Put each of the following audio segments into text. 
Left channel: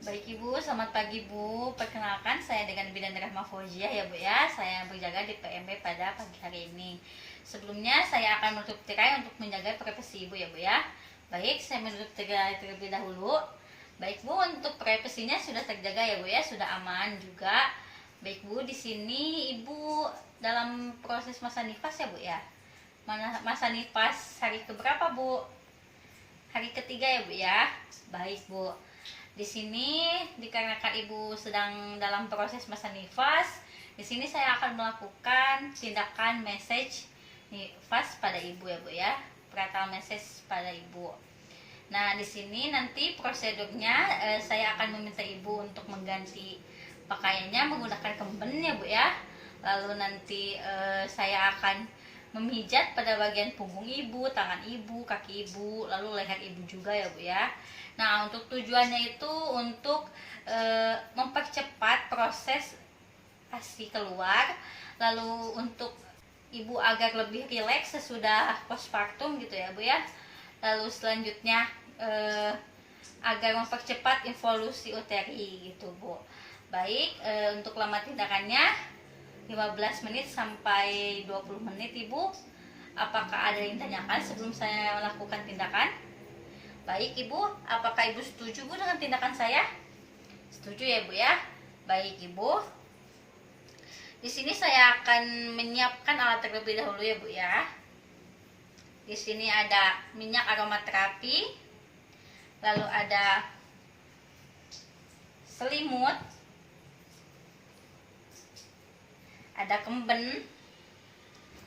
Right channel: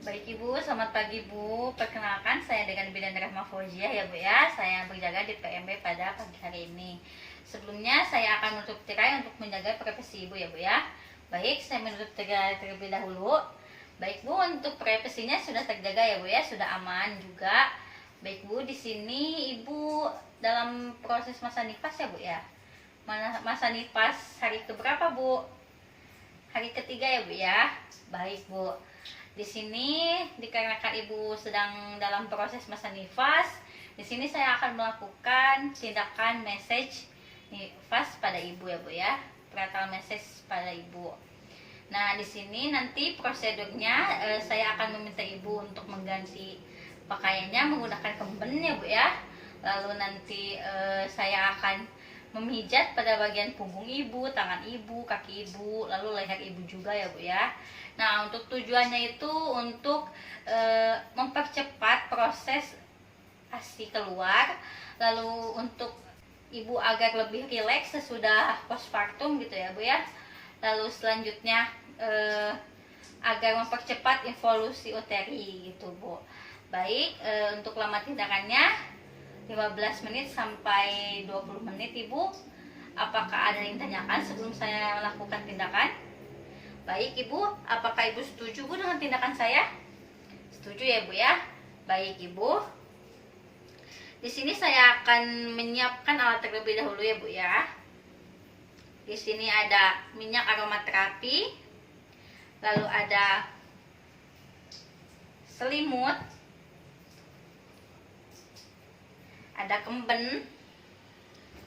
Baik Ibu, selamat pagi Bu. Perkenalkan saya dengan Bidan Rahma Fauziah ya Bu ya. Saya berjaga di PMB pada pagi hari ini. Sebelumnya saya akan menutup tirai untuk menjaga privasi Ibu ya Bu ya. Baik, saya menutup tirai terlebih dahulu. Baik Bu, untuk privasinya sudah terjaga ya Bu ya, sudah aman juga. Baik Bu, di sini Ibu dalam proses masa nifas ya Bu ya. Masa nifas hari keberapa Bu? Hari ketiga ya Bu ya. Baik Bu. Di sini dikarenakan Ibu sedang dalam proses masa nifas, di sini saya akan melakukan tindakan message nifas pada Ibu ya Bu ya, prenatal message pada Ibu. Nah, di sini nanti prosedurnya saya akan meminta Ibu untuk mengganti pakaiannya menggunakan kemben ya Bu ya. Lalu nanti saya akan memijat pada bagian punggung Ibu, tangan Ibu, kaki Ibu, lalu leher Ibu juga ya Bu ya. Nah, untuk tujuannya itu untuk mempercepat proses ASI keluar, lalu untuk Ibu agar lebih rileks sesudah postpartum gitu ya Bu ya. Lalu selanjutnya agar mempercepat evolusi uteri gitu Bu. Baik, untuk lama tindakannya 15 menit sampai 20 menit Ibu. Apakah ada yang ditanyakan sebelum saya melakukan tindakan? Baik Ibu, apakah Ibu setuju Bu dengan tindakan saya? Setuju ya Bu ya? Baik Ibu. Di sini saya akan menyiapkan alat terlebih dahulu ya Bu ya. Di sini ada minyak aromaterapi, lalu ada selimut, ada kemben,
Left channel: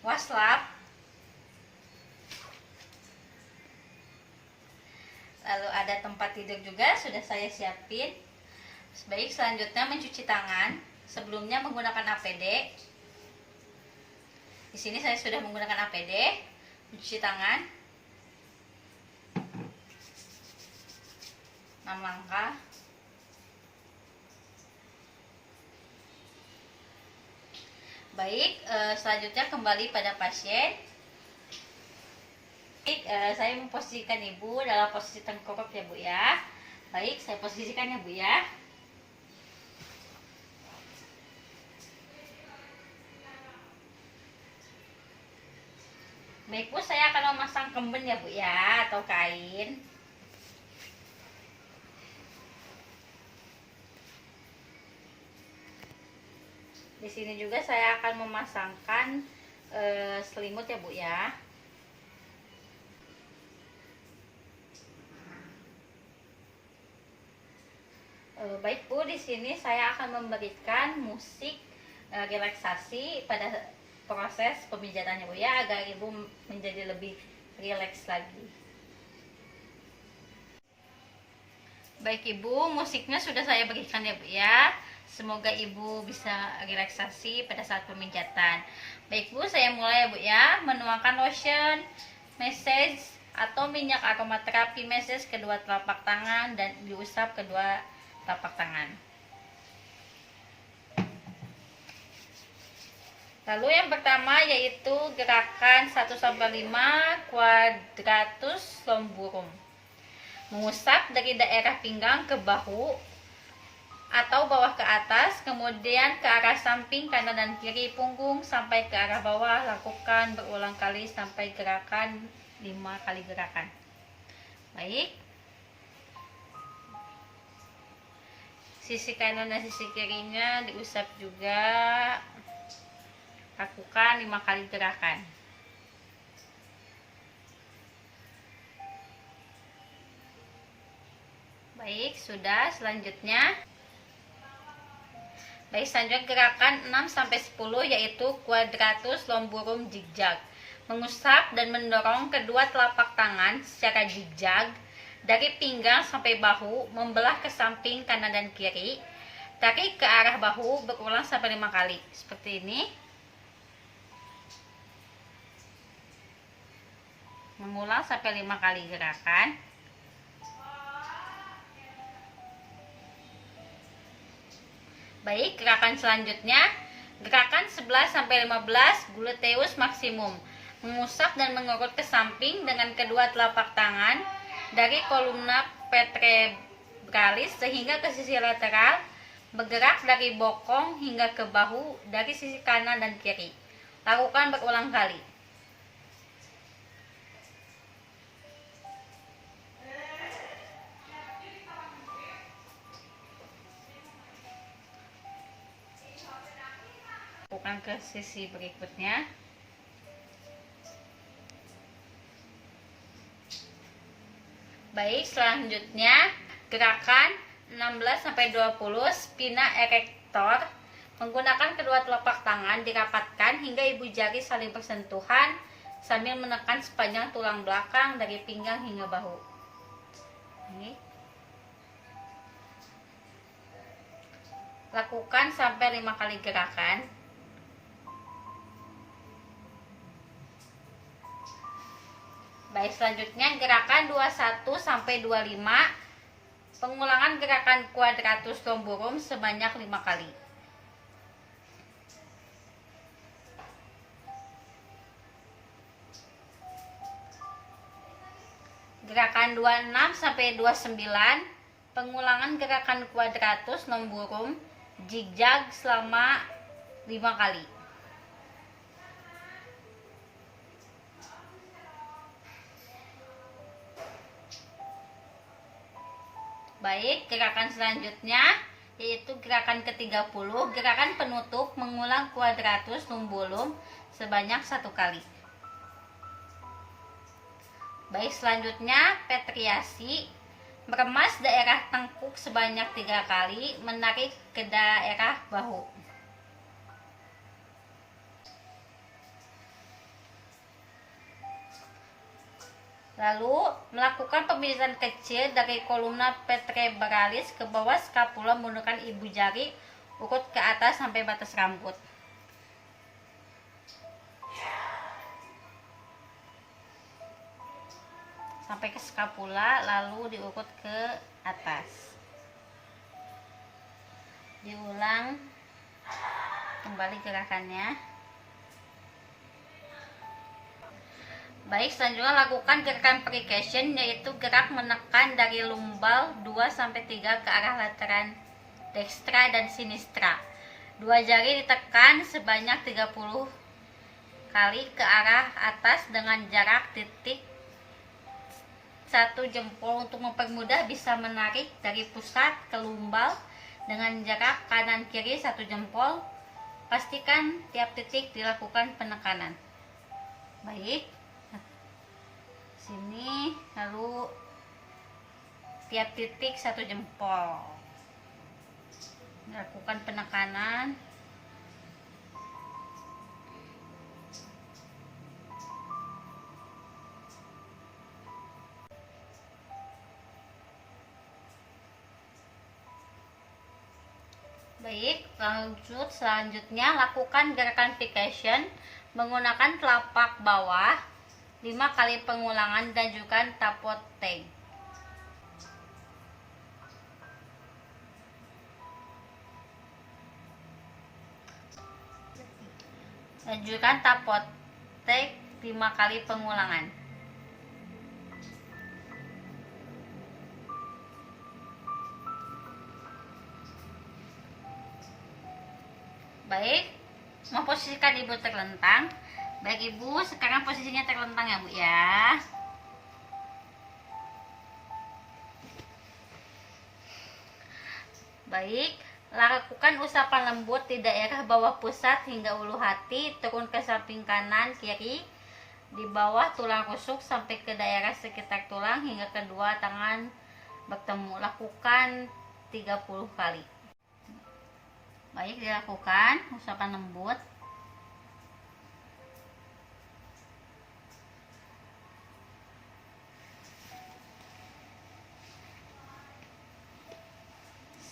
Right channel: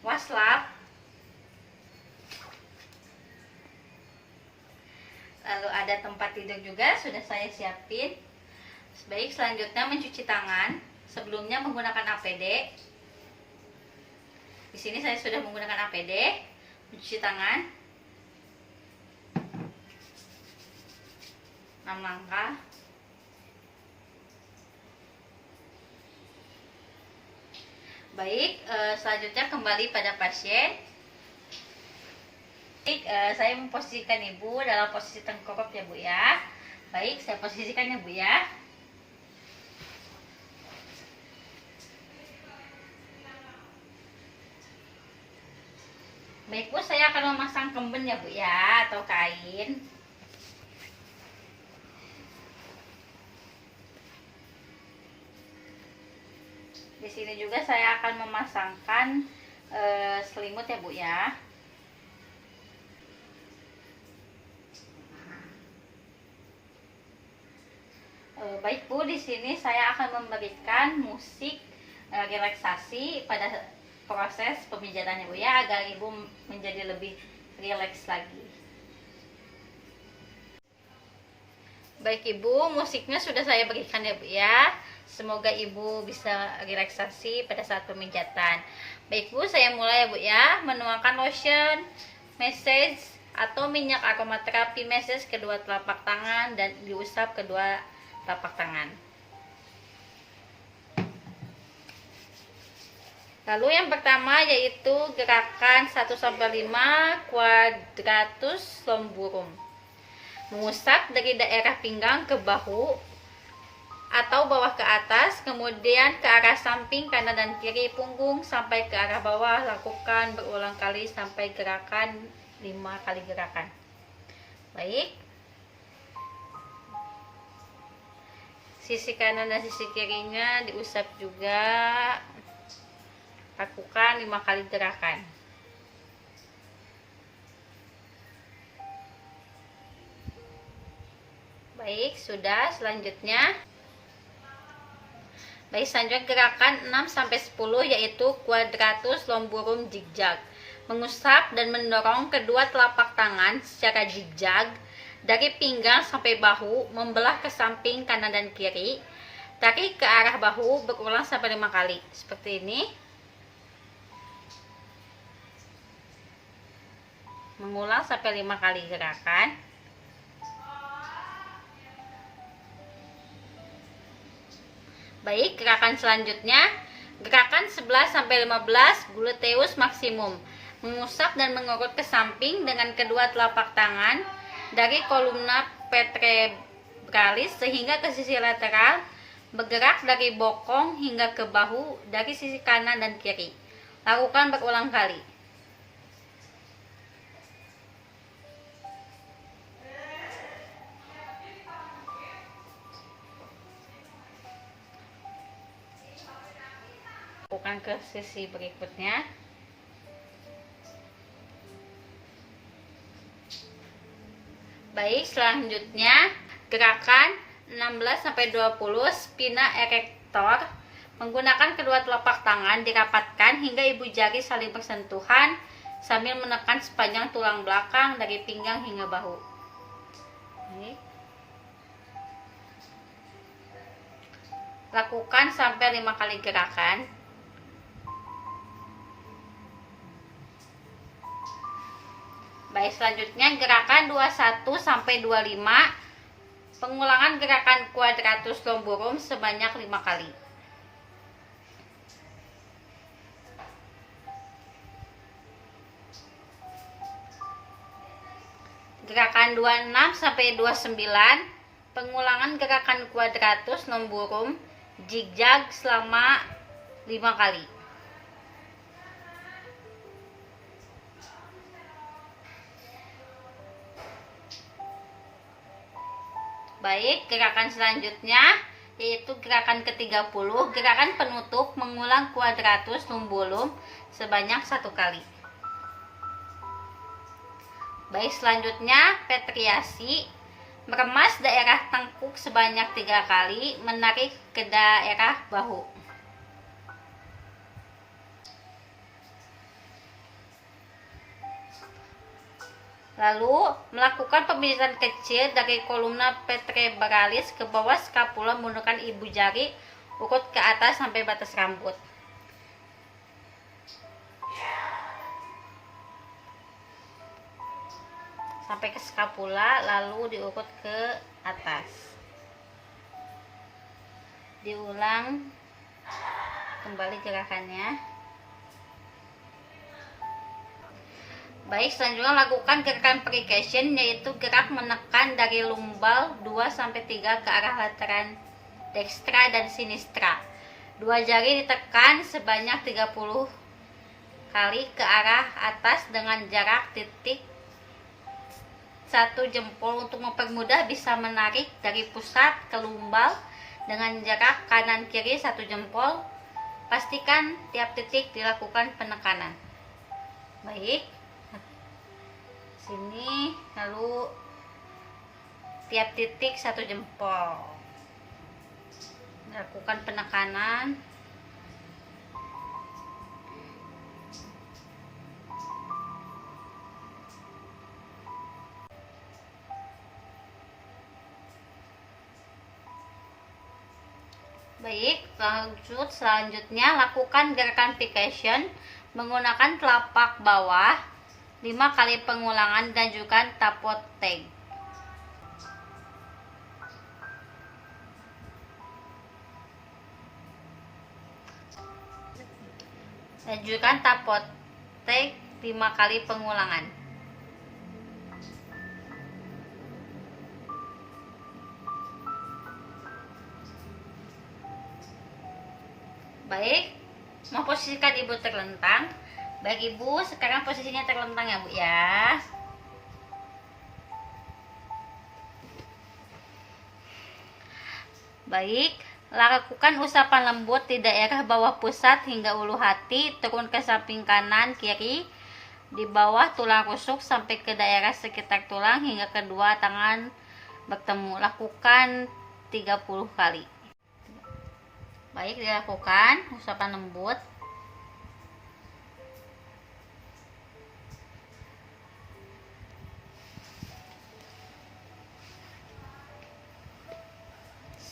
waslap, lalu ada tempat tidur juga sudah saya siapin. Baik, selanjutnya mencuci tangan. Sebelumnya menggunakan APD. Di sini saya sudah menggunakan APD. Mencuci tangan 6 langkah. Baik, selanjutnya kembali pada pasien. Baik, saya memposisikan Ibu dalam posisi tengkurap ya Bu ya. Baik, saya posisikan ya Bu ya. Baik Bu, saya akan memasang kemben ya Bu ya, atau kain. Di sini juga saya akan memasangkan selimut ya Bu ya. Baik Bu, di sini saya akan memberikan musik relaksasi pada proses pemijatannya Bu ya, agar Ibu menjadi lebih rileks lagi. Baik Ibu, musiknya sudah saya berikan ya Bu ya. Semoga Ibu bisa relaksasi pada saat pemijatan. Baik Bu, saya mulai ya Bu ya. Menuangkan lotion massage atau minyak aromaterapi massage kedua telapak tangan dan diusap kedua telapak tangan. Lalu yang pertama yaitu gerakan 1-5 quadratus lomburum. Mengusap dari daerah pinggang ke bahu atau bawah ke atas, kemudian ke arah samping kanan dan kiri punggung sampai ke arah bawah. Lakukan berulang kali sampai gerakan 5 kali gerakan. Baik. Sisi kanan dan sisi kirinya diusap juga. Lakukan 5 kali gerakan. Baik, sudah. Selanjutnya gerakan 6-10 yaitu quadratus lomburum zigzag. Mengusap dan mendorong kedua telapak tangan secara zigzag dari pinggang sampai bahu, membelah ke samping kanan dan kiri. Tarik ke arah bahu berulang sampai 5 kali. Seperti ini. Mengulang sampai 5 kali gerakan. Baik, gerakan selanjutnya gerakan 11-15 gluteus maksimum. Mengusap dan mengurut ke samping dengan kedua telapak tangan dari kolumna vertebrae kali sehingga ke sisi lateral, bergerak dari bokong hingga ke bahu dari sisi kanan dan kiri. Lakukan berulang kali. Lakukan ke sisi berikutnya. Baik, selanjutnya gerakan 16-20 spina erector. Menggunakan kedua telapak tangan dirapatkan hingga ibu jari saling bersentuhan sambil menekan sepanjang tulang belakang dari pinggang hingga bahu. Lakukan sampai 5 kali gerakan. Baik, selanjutnya gerakan 21-25. Pengulangan gerakan quadratus lumborum sebanyak 5 kali. Gerakan 26-29. Pengulangan gerakan quadratus lumborum zigzag selama 5 kali. Baik, gerakan selanjutnya yaitu gerakan ke-30, gerakan penutup mengulang quadratus lumborum sebanyak 1 kali. Baik, selanjutnya petriasi, meremas daerah tengkuk sebanyak 3 kali, menarik ke daerah bahu. Lalu melakukan pemilisan kecil dari kolumna vertebralis ke bawah skapula menggunakan ibu jari urut ke atas sampai batas rambut. Sampai ke skapula lalu diurut ke atas. Diulang kembali gerakannya. Baik, selanjutnya lakukan gerakan percussion, yaitu gerak menekan dari lumbal 2-3 ke arah lateran dextra dan sinistra. 2 jari ditekan sebanyak 30 kali ke arah atas dengan jarak titik 1 jempol. Untuk mempermudah bisa menarik dari pusat ke lumbal dengan jarak kanan kiri 1 jempol. Pastikan tiap titik dilakukan penekanan. Baik, sini lalu tiap titik 1 jempol, lakukan penekanan. Baik, lanjut selanjutnya lakukan gerakan percussion menggunakan telapak bawah 5 kali pengulangan, ganjukan tapot tag. Ganjukan tapot tag 5 kali pengulangan. Baik, memposisikan ibu terlentang. Baik ibu, sekarang posisinya terlentang ya bu ya. Baik, lakukan usapan lembut di daerah bawah pusat hingga ulu hati, turun ke samping kanan kiri, di bawah tulang rusuk sampai ke daerah sekitar tulang hingga kedua tangan bertemu. Lakukan 30 kali. Baik, dilakukan usapan lembut.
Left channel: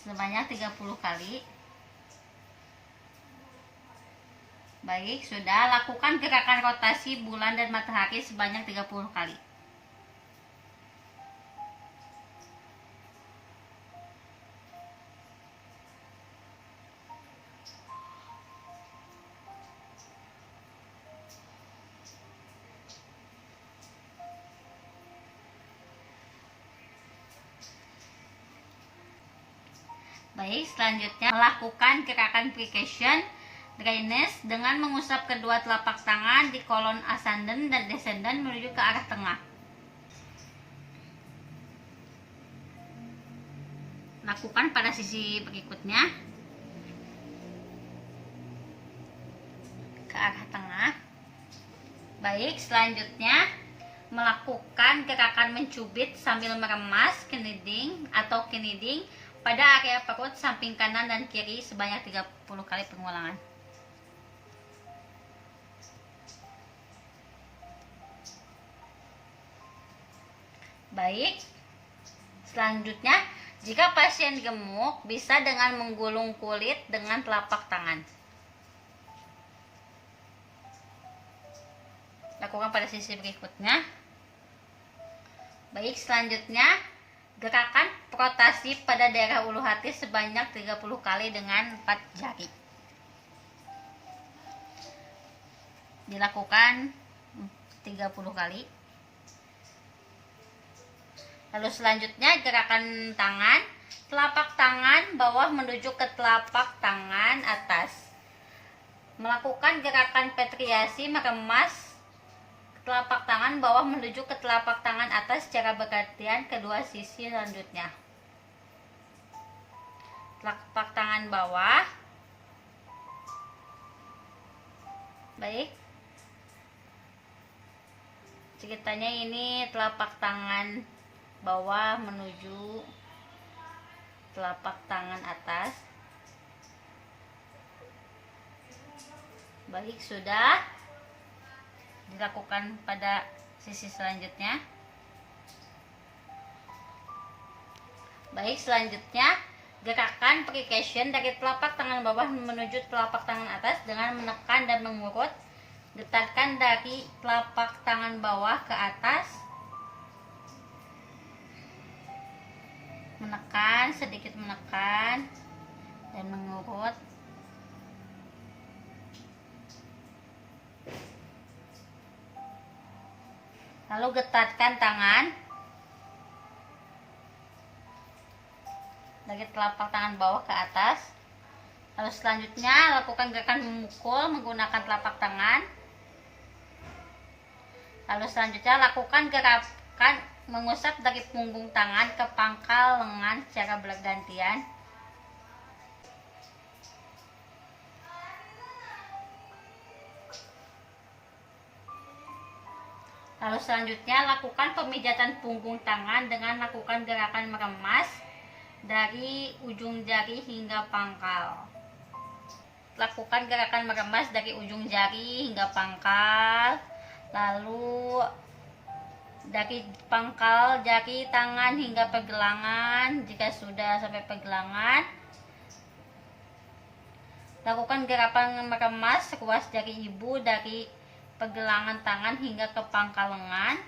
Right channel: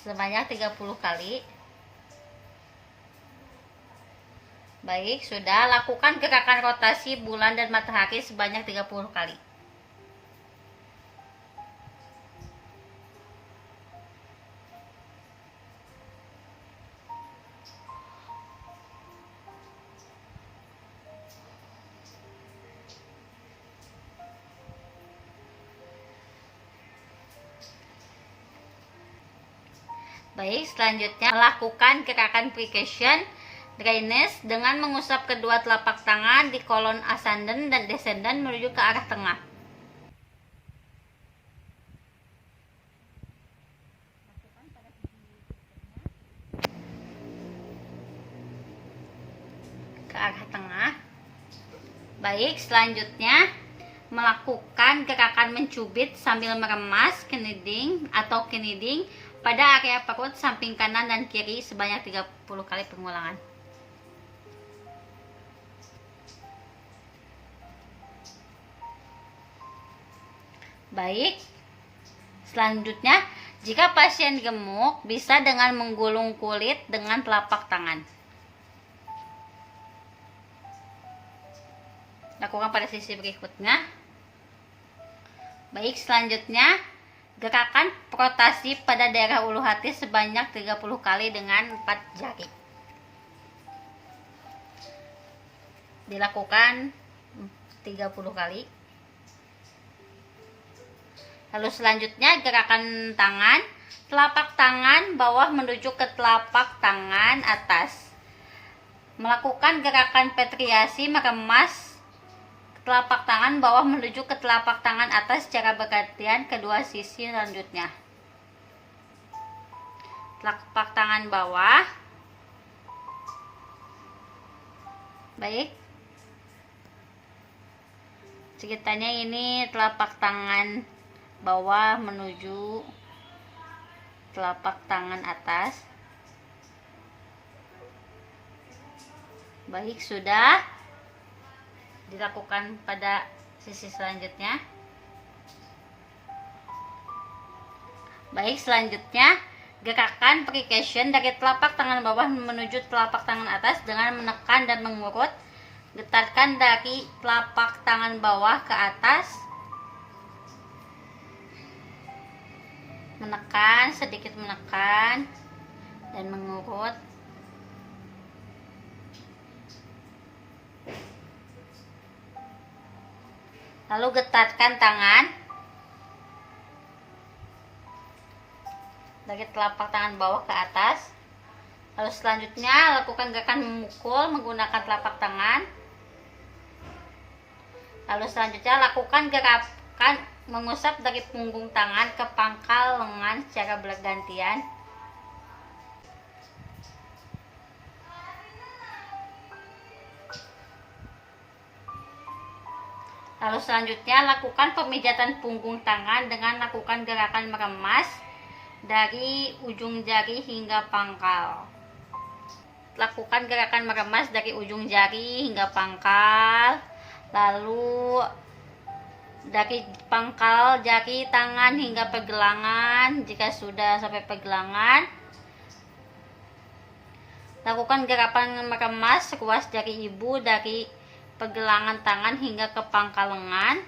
Sebanyak 30 kali. Baik, sudah. Lakukan gerakan rotasi bulan dan matahari sebanyak 30 kali. Baik, selanjutnya melakukan gerakan friction drainage dengan mengusap kedua telapak tangan di kolon ascendant dan descendant menuju ke arah tengah. Lakukan pada sisi berikutnya ke arah tengah. Baik, selanjutnya melakukan gerakan mencubit sambil meremas kneading atau kneading pada area perut samping kanan dan kiri sebanyak 30 kali pengulangan. Baik, selanjutnya jika pasien gemuk bisa dengan menggulung kulit dengan telapak tangan. Lakukan pada sisi berikutnya. Baik, selanjutnya gerakan rotasi pada daerah ulu hati sebanyak 30 kali dengan 4 jari. Dilakukan 30 kali. Lalu selanjutnya gerakan tangan, telapak tangan bawah menuju ke telapak tangan atas. Melakukan gerakan petriasi meremas telapak tangan bawah menuju ke telapak tangan atas secara bergantian kedua sisi selanjutnya. Telapak tangan bawah. Baik. Ceritanya ini telapak tangan bawah menuju telapak tangan atas. Baik, sudah dilakukan pada sisi selanjutnya. Baik, selanjutnya gerakan friction dari telapak tangan bawah menuju telapak tangan atas dengan menekan dan mengurut. Getarkan dari telapak tangan bawah ke atas. Menekan, sedikit menekan dan mengurut. Lalu getarkan tangan dari telapak tangan bawah ke atas. Lalu selanjutnya lakukan gerakan memukul menggunakan telapak tangan. Lalu selanjutnya lakukan gerakan mengusap dari punggung tangan ke pangkal lengan secara bergantian. Lalu selanjutnya lakukan pemijatan punggung tangan dengan lakukan gerakan meremas dari ujung jari hingga pangkal. Lakukan gerakan meremas dari ujung jari hingga pangkal. Lalu dari pangkal jari tangan hingga pergelangan. Jika sudah sampai pergelangan, lakukan gerakan meremas ruas jari ibu dari pergelangan tangan hingga ke pangkal lengan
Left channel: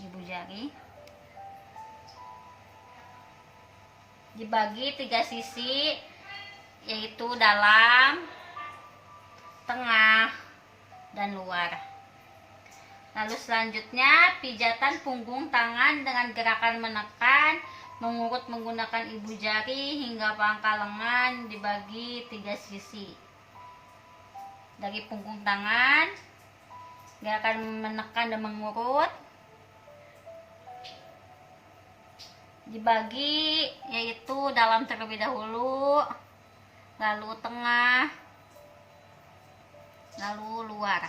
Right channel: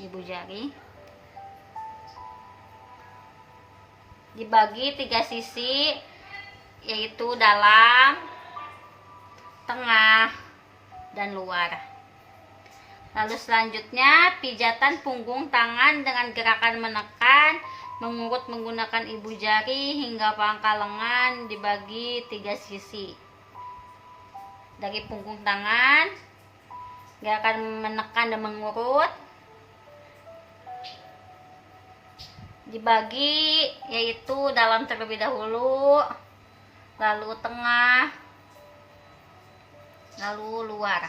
ibu jari. Dibagi 3 sisi, yaitu dalam, tengah, dan luar. Lalu selanjutnya pijatan punggung tangan dengan gerakan menekan, mengurut menggunakan ibu jari hingga pangkal lengan dibagi 3 sisi. Dari punggung tangan, gerakan menekan dan mengurut dibagi, yaitu dalam terlebih dahulu, lalu tengah, lalu luar.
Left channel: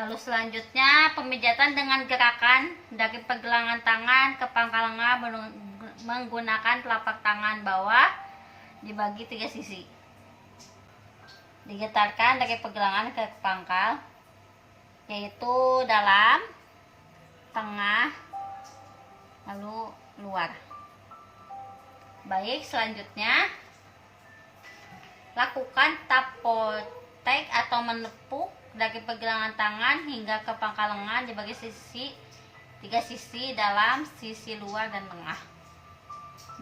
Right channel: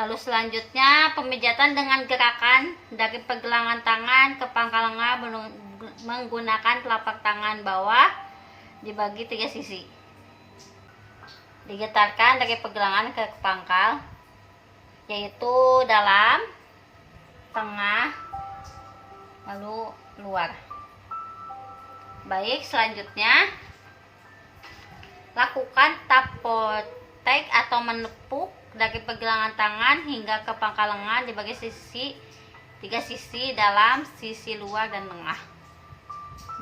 Lalu selanjutnya pemijatan dengan gerakan dari pergelangan tangan ke pangkal lengan menggunakan telapak tangan bawah dibagi 3 sisi. Digetarkan dari pergelangan ke pangkal, yaitu dalam, tengah, lalu luar. Baik, selanjutnya lakukan tapotek atau menepuk dari pergelangan tangan hingga ke pangkal lengan dibagi 3 sisi, dalam, sisi luar, dan tengah.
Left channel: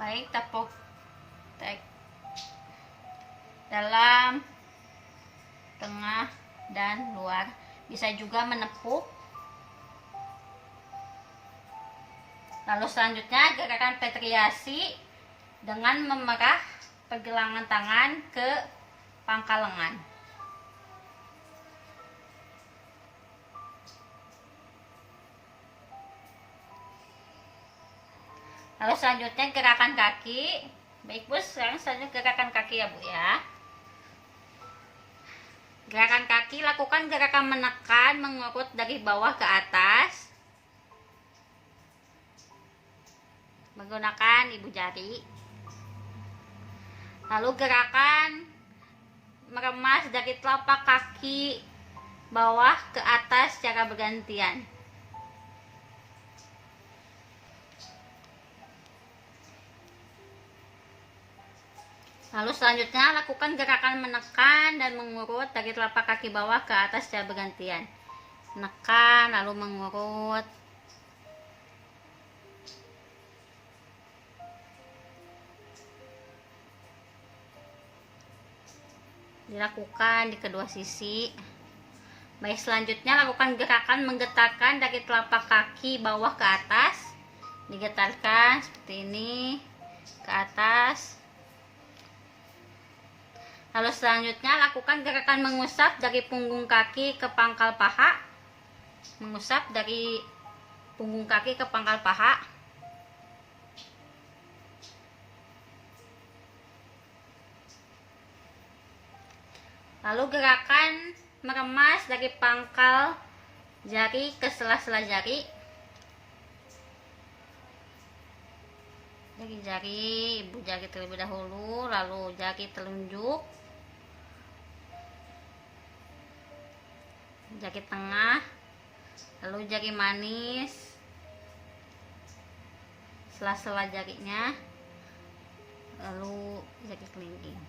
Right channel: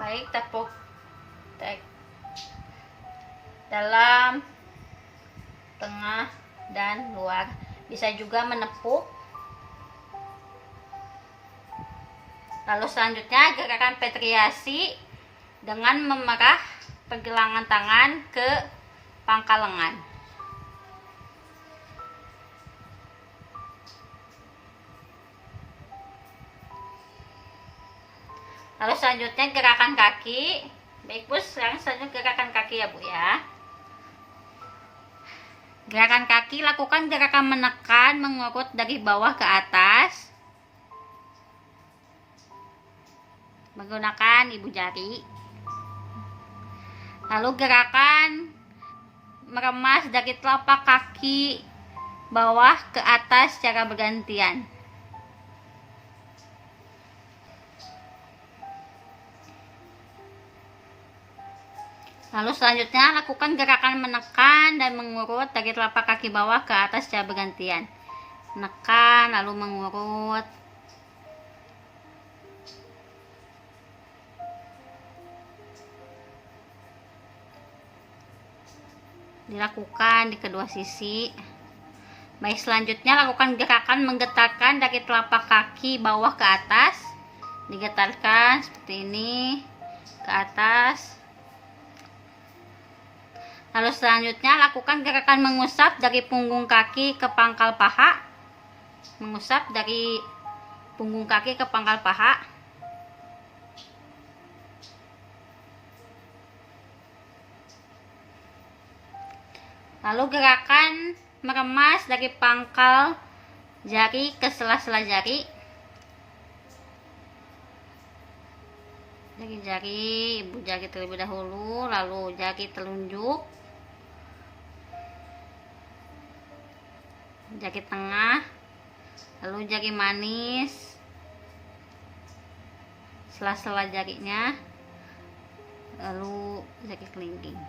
Baik, tapotek dalam, tengah, dan luar. Bisa juga menepuk Lalu selanjutnya gerakan petriasi dengan memerah pergelangan tangan ke pangkal lengan. Lalu selanjutnya gerakan kaki. Baik Bu, sekarang selanjutnya gerakan kaki ya Bu ya. Gerakan kaki, lakukan gerakan menekan, mengurut dari bawah ke atas menggunakan ibu jari. Lalu gerakan meremas dari telapak kaki bawah ke atas secara bergantian. Lalu selanjutnya lakukan gerakan menekan dan mengurut dari telapak kaki bawah ke atas secara bergantian. Menekan lalu mengurut. Dilakukan di kedua sisi. Baik, selanjutnya lakukan gerakan menggetarkan dari telapak kaki bawah ke atas. Digetarkan seperti ini ke atas. Lalu selanjutnya lakukan gerakan mengusap dari punggung kaki ke pangkal paha. Mengusap dari punggung kaki ke pangkal paha. Lalu gerakan meremas dari pangkal jari ke sela-sela jari. Dari jari, ibu jari terlebih dahulu, lalu jari telunjuk, jari tengah, lalu jari manis, sela-sela jarinya, lalu jari kelingking.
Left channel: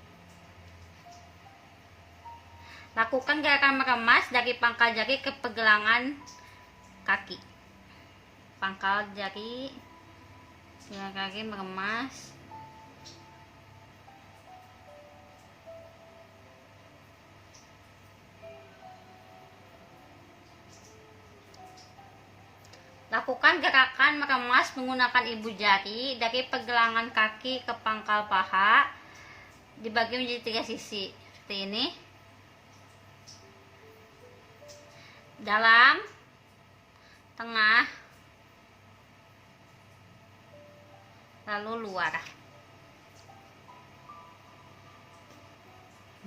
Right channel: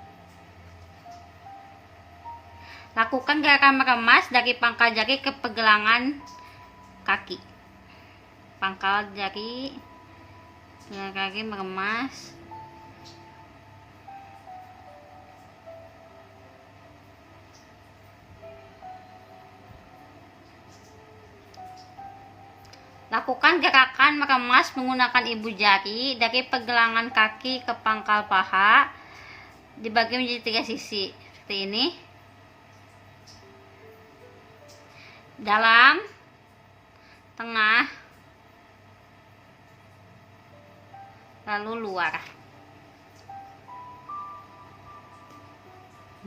Lakukan gerakan meremas dari pangkal jari ke pergelangan kaki. Pangkal jari, kaki meremas. Lakukan gerakan meremas menggunakan ibu jari dari pergelangan kaki ke pangkal paha, dibagi menjadi 3 sisi seperti ini. Dalam, tengah, lalu luar.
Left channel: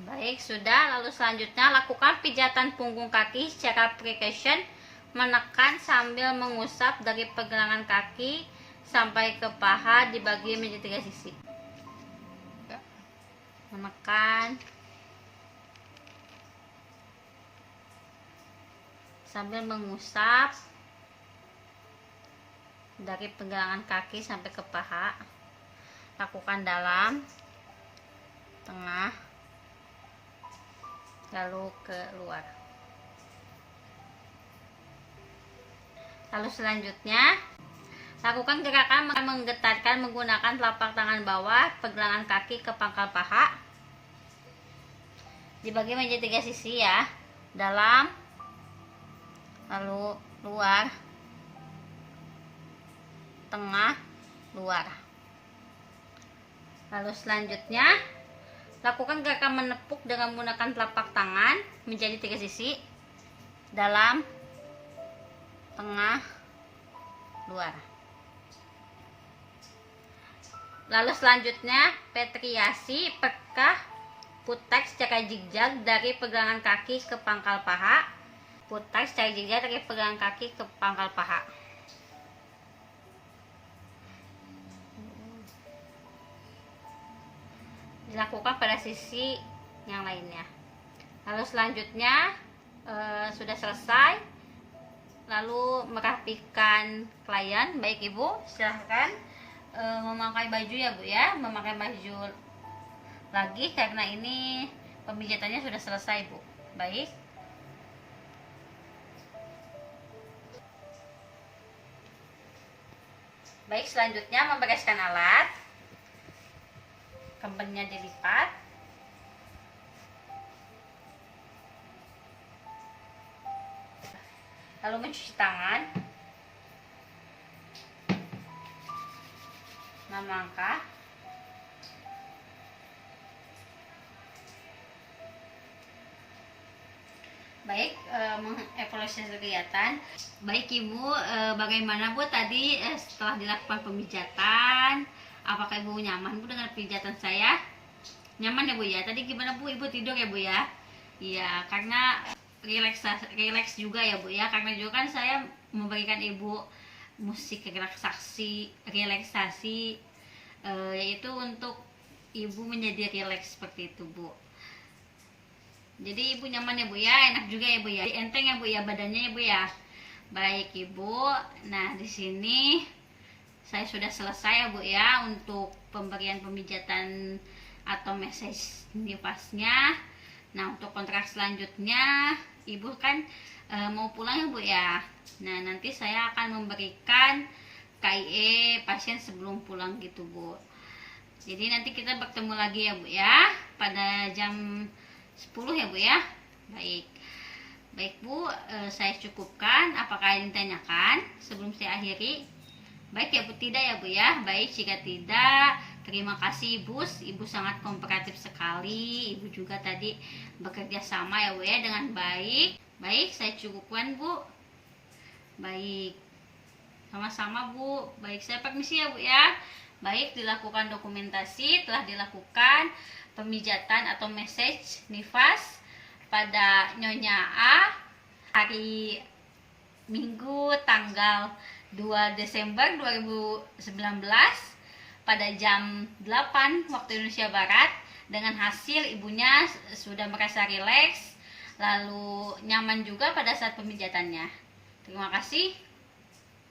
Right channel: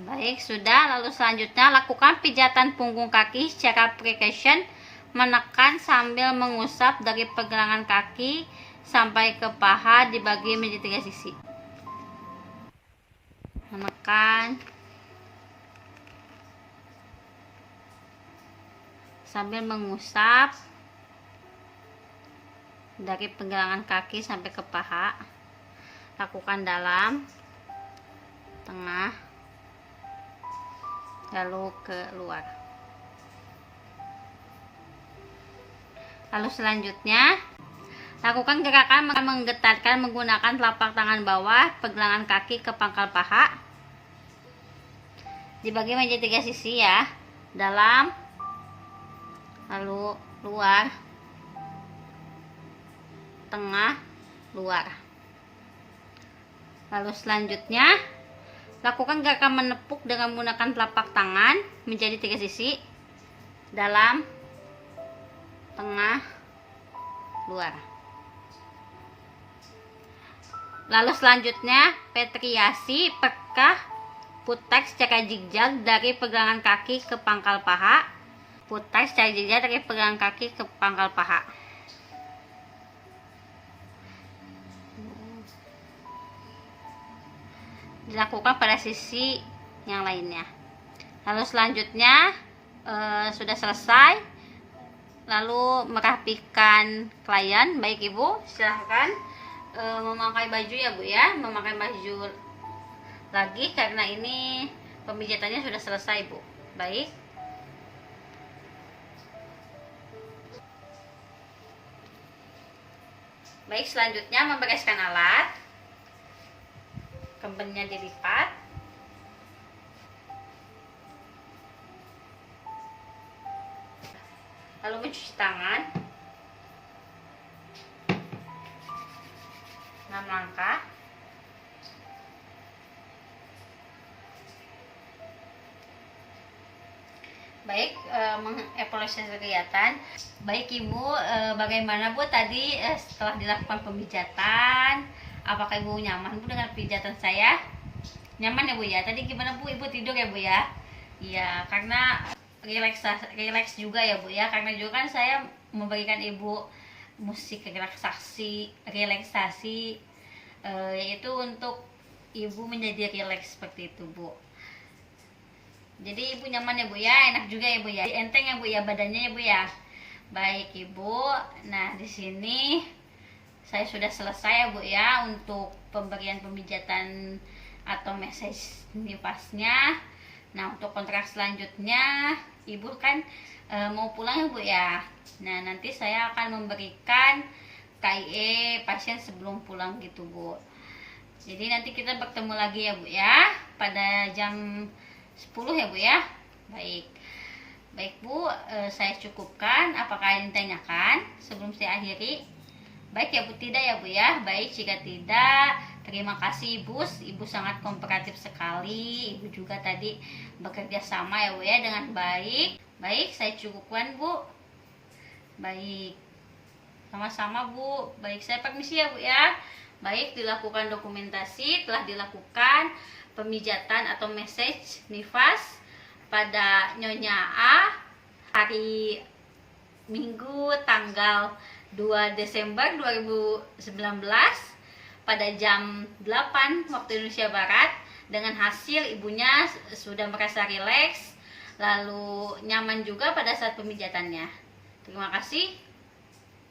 Baik, sudah. Lalu selanjutnya lakukan pijatan punggung kaki secara percussion, menekan sambil mengusap dari pergelangan kaki sampai ke paha, dibagi menjadi 3 sisi. Menekan sambil mengusap dari pergelangan kaki sampai ke paha. Lakukan dalam, tengah, lalu ke luar. Lalu selanjutnya lakukan gerakan menggetarkan menggunakan telapak tangan bawah pergelangan kaki ke pangkal paha, dibagi menjadi 3 sisi ya. Dalam, lalu luar, tengah, luar. Lalu selanjutnya lakukan gerakan menepuk dengan menggunakan telapak tangan menjadi 3 sisi. Dalam, tengah, luar. Lalu selanjutnya petriasi pekah putek secara zigzag dari pergelangan kaki ke pangkal paha. Putek secara zigzag dari pergelangan kaki ke pangkal paha. Dilakukan pada sisi yang lainnya. Lalu selanjutnya sudah selesai. Lalu merapikan klien. Baik Ibu, silahkan memakai baju ya Bu ya. Memakai baju lagi karena ini pemijatannya sudah selesai Bu. Baik. Baik, selanjutnya membereskan alat. Kembennya dilipat. Lalu mencuci tangan. langkah. Baik, mengevaluasi kegiatan. Baik Ibu, bagaimana Bu tadi setelah dilakukan pemijatan? Apakah Ibu nyaman Bu dengan pijatan saya? Nyaman ya Bu ya? Tadi gimana Bu? Ibu tidur ya Bu ya? Iya, karena rileks juga ya Bu ya. Karena juga kan saya memberikan Ibu musik relaksasi, yaitu untuk Ibu menjadi rileks seperti itu Bu. Jadi Ibu nyaman ya Bu ya, enak juga ya Bu ya, enteng ya Bu ya badannya ya Bu ya. Baik Ibu, nah di sini saya sudah selesai ya Bu ya untuk pemberian pemijatan atau massage nifasnya. Nah untuk kontrak selanjutnya Ibu kan mau pulang ya Bu ya. Nah nanti saya akan memberikan KIE pasien sebelum pulang gitu Bu. Jadi nanti kita bertemu lagi ya Bu ya pada jam 10 ya Bu ya. Baik Bu, saya cukupkan. Apakah yang ditanyakan sebelum saya akhiri? Baik ya Bu, tidak ya Bu ya. Baik, jika tidak, terima kasih Ibu sangat kooperatif sekali. Ibu juga tadi bekerja sama ya Bu ya dengan baik. Baik, saya cukupkan Bu. Baik, sama-sama Bu. Baik, saya permisi ya Bu ya. Baik, dilakukan dokumentasi, telah dilakukan pemijatan atau massage nifas pada Nyonya A hari Minggu tanggal 2 Desember 2019 pada jam 8 waktu Indonesia Barat. Dengan hasil ibunya sudah merasa rileks lalu nyaman juga pada saat pemijatannya. Terima kasih.